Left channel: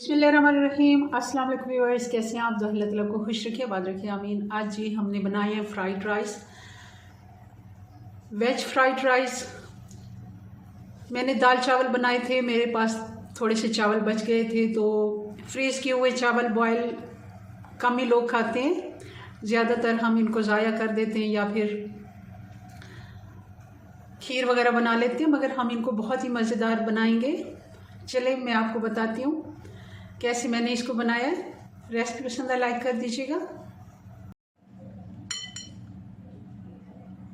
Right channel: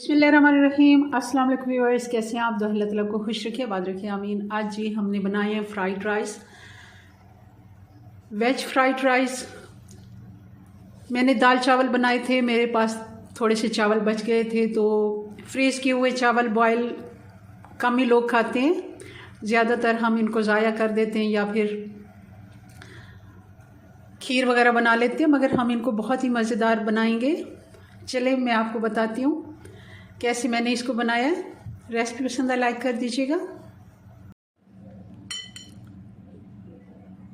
बिस्मिल्लाहिर्रहमानिर्रहीम। अस्सलाम वालेकुम व्यूअर्स, कैसे हैं आप? अल्लाह ताला को खुश रखिए, आबाद रखिए, आमीन। आज जी हमने बनाए हैं fried rice, veg fried rice. मैंने दाल चावल बनाए थे, मेरे पास थोड़े से चावल बच गए थे तो फ्रीज़ किए हुए चावल बॉयल कम ही लोग खाते हैं, ज़्यादातर हम इनको ज़ाया कर देते हैं या फिर खीर वगैरह बना लेते हैं, मगर हम इनको बहुत ही मज़ेदार बनाएंगे। चले मैं आपको बताती हूँ कैसे मैंने इसको बनाया। रेसिपी पसंद आए लाइक कर दीजिएगा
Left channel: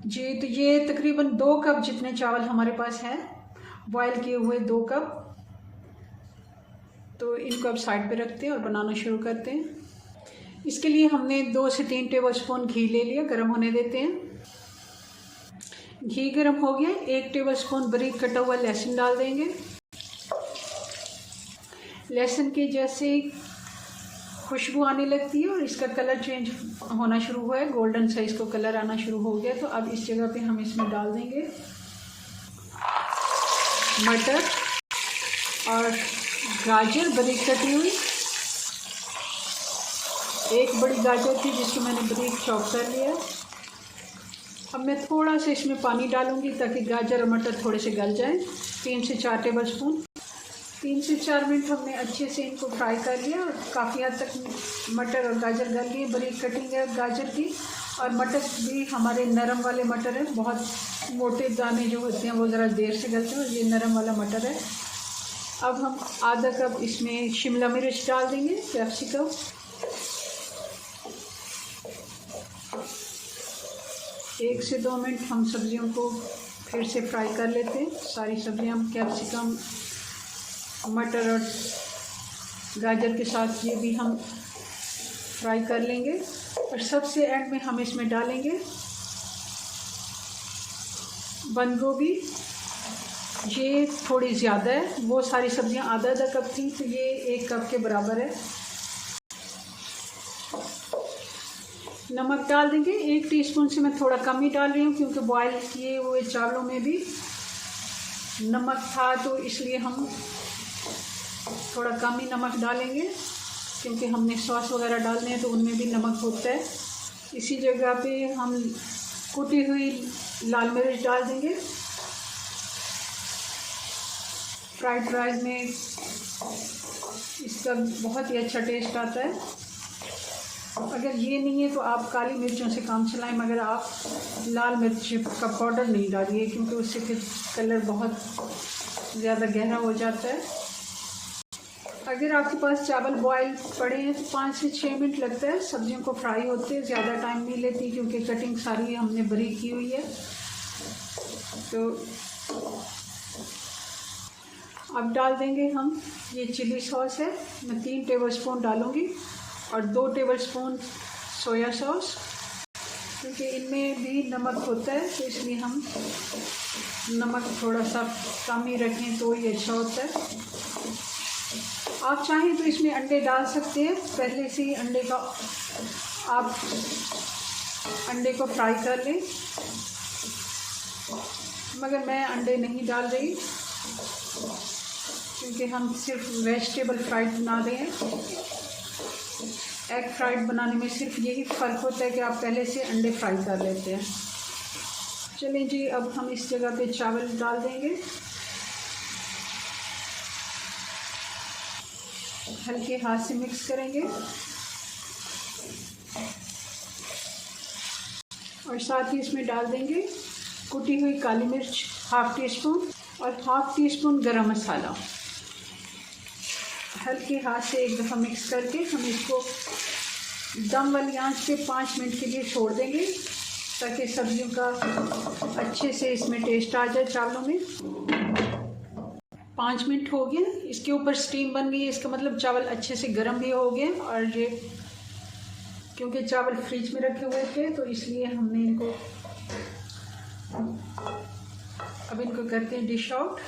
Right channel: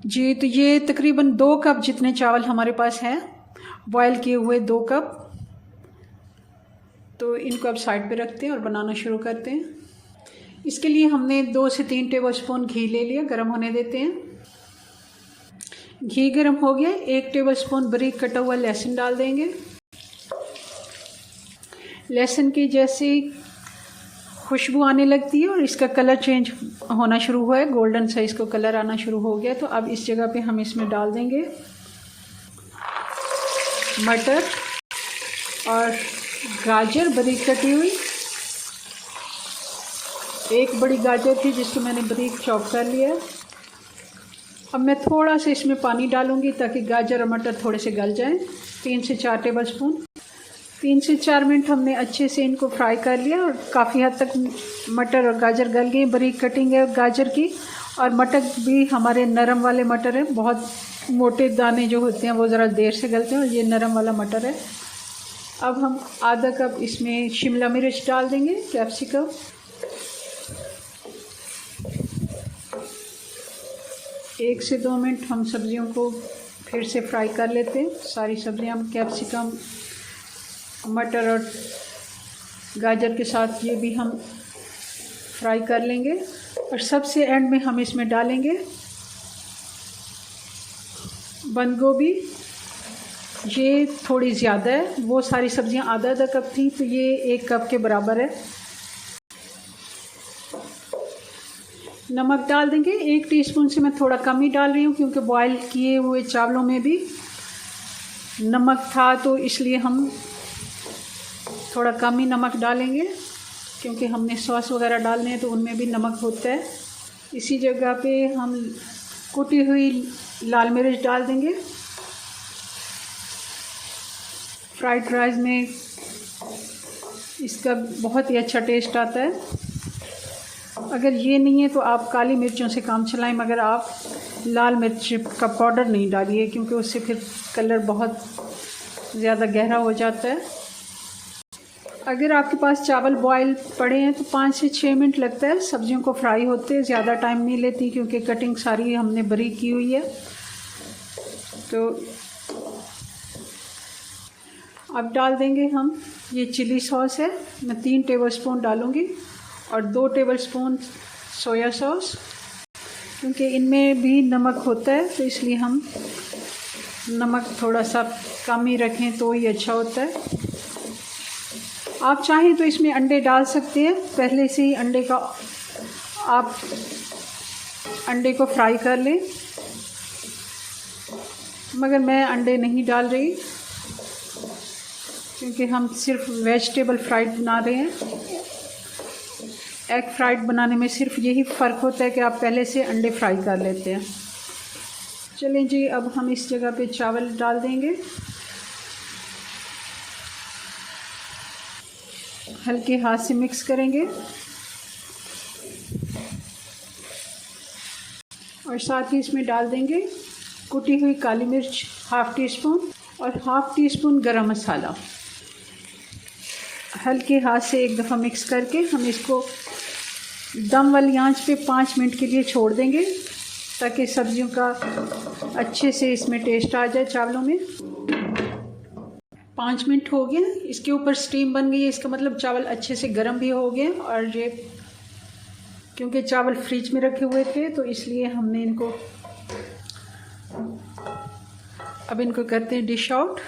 जी। तो ये तकरीबन 2 कप जितने चावल हमारे पास हैं, बॉयल किए हुए 2 कप। तो इनको अब साइड पे रखते हैं और बनाना शुरू करते हैं। इसके लिए हमने 2 से 3 टेबलस्पून घी ले लिया, गर्म होने देते हैं। घी गर्म हो गया, 1 टेबलस्पून बारीक कटा हुआ लहसुन डाल देंगे। लहसुन की जैसे खुशबू आने लगती है और इसका कलर चेंज होना शुरू हुआ है, गोल्डन सा इसको कलर आना शुरू हो गया, तो अब इस जगह पे हम इसमें डाल देंगे मटर और गाजर बारीक कटी हुई। एक बड़ी गाजर थी जिसको मैंने बारीक चॉप कर लिया। अब मैं थोड़ा सा इसमें पानी डालूंगी ताकि गाजर और मटर थोड़े से गल जाएं। 3 से 4 टेबलस्पून। 3 से 4 मिनट हमने अच्छे से इनको फ्राई कर लिया और काफ़ी हद तक मटर और गाजर गल गई। बारीक कटिंग है गाजर की, और मटर भी हमारे नरम वाले मटर हैं। बहुत मोटे दाने जो होते हैं वो ज़रा देर से गलते हैं, और ये नरम वाला मटर है। अब हम आधा कप इसमें शिमला मिर्च डाल देंगे, कैप्सिकम। एक से 2 मिनट हम सब्जियों को फिर से फ्राई कर लेते हैं। सारी सब्जियां कैप्सिकम, मटर और गाजर के साथ ये भी हम फ्राई कर लेंगे। और सबसे एंड में हम इसमें डालेंगे बंद गोभी। ये थोड़ी ज़्यादा है, वो सारी सब्जियां आधा आधा कप थी तो ये 1 कप के बराबर है। नमक डाल देंगे 1 टीस्पून से मैं थोड़ा कम ही डाल रही हूँ, क्योंकि बॉयल किए हुए चावलों में भी नमक था, तो इसलिए हम थोड़ा कम ही नमक डालेंगे, क्योंकि हमने सॉस वगैरह डालने हैं तो उनमें भी नमक होता है। इसी जगह पे हम कुटी हुई लाल मिर्च डाल देंगे। फ्राइड राइस में इसका बहुत ही अच्छा टेस्ट आता है। अगर ये नहीं है तो आप काली मिर्चों से काम चलाएं, मगर आप लाल मिर्च का पाउडर नहीं डालिए, क्योंकि उससे फिर कलर बहुत ज़्यादा गहरा हो जाता है। अगर आपके पास चावल बॉयल पड़े हैं तो 5 से 6 मिनट लगता है सब्जियों को फ्राई होते, ज़्यादा टाइम नहीं लेती, क्योंकि कटिंग सारी हमने बारीक की हुई है। तो अब डाल देंगे हम, ये चिली सॉस है, मैं 3 टेबलस्पून डालूँगी, और 2 टेबलस्पून सोया सॉस, क्योंकि इनमें भी नमक होता है तो इसलिए हम नमक थोड़ा सा कम ही रखें तो ही अच्छा होता है। आप चाहें तो इसमें अंडे डाल सकते हैं, पहले से ही अंडे का आप अंडे को फ्राई कर लें, मगर मैं अंडे नहीं डाल रही, क्योंकि हम सिर्फ वेजिटेबल फ्राइड बना रहे हैं। एग फ्राइड बनाने में सिर्फ यही फ़र्क होता है कि आप पहले से अंडे फ्राई कर लेते हैं। चलें जी, अब हम इस जगह पे चावल डाल देंगे। हल्के हाथ से मिक्स करेंगे, और साथ ही इसमें डाल देंगे कुटी हुई काली मिर्च 1/2 टीस्पून और 1/2 टीस्पून गरम मसाला। हल्के हाथ से एक दफ़ा मिक्स करके हम इसको दम वाली आंच पे 5 मिनट के लिए छोड़ देंगे, ताकि सब्जियों का अच्छे से इसमें टेस्ट आ जाए चावलों में। 5 मिनट हो गए, इसके ऊपर स्टीम बन गई है, इसका मतलब चावल अच्छे से गर्म भी हो गए। और ये क्योंकि चावल फ्रिज में रखे हुए थे तो इसलिए हमने इनको अब इनको करते हैं डिश आउट।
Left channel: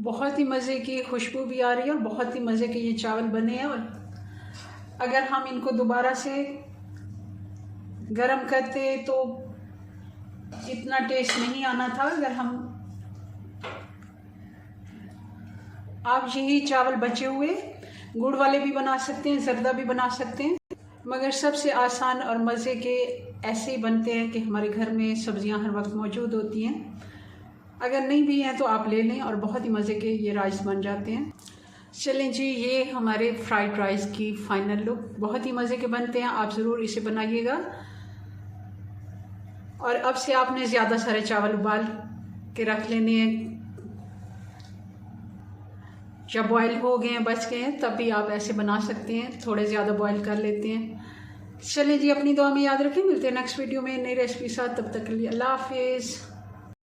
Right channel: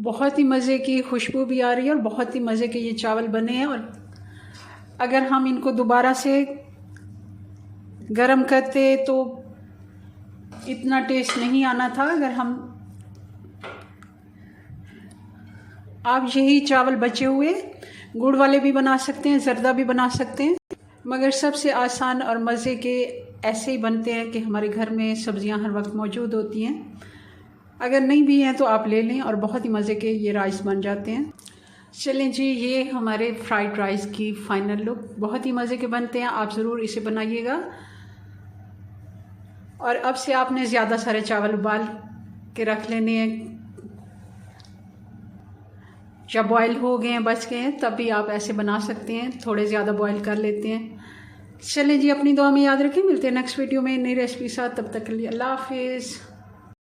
बहुत ही मज़े की खुशबू भी आ रही है और बहुत ही मज़े के ये चावल बने हैं। और अगर हम इनको दोबारा से गरम करते तो इतना टेस्ट नहीं आना था। अगर हम आप यही चावल बचे हुए गुड़ वाले भी बना सकते हैं, ज़र्दा भी बना सकते हैं, मगर सबसे आसान और मज़े के ऐसे ही बनते हैं कि हमारे घर में सब्ज़ियां हर वक्त मौजूद होती हैं। अगर नहीं भी हैं तो आप ले लें और बहुत ही मज़े के ये राइस बन जाते हैं। चलें जी, ये हमारे फ्राइड राइस की फ़ाइनल लुक, बहुत ही मज़े के बनते हैं। आप ज़रूर इसे बनाइएगा। और अब से आपने ज़्यादा सारे चावल उबाल के रख लेने हैं। जब बॉयल हो गए हैं, बच गए हैं, तब भी आप ऐसे बना सकते हैं, थोड़े ज़्यादा बॉयल कर लेते हैं। चलें जी, अपनी दुआ में याद रखें। मिलते हैं नेक्स्ट वीडियो में नई रेसिपी साथ। तब तक के लिए अल्लाह हाफिज़।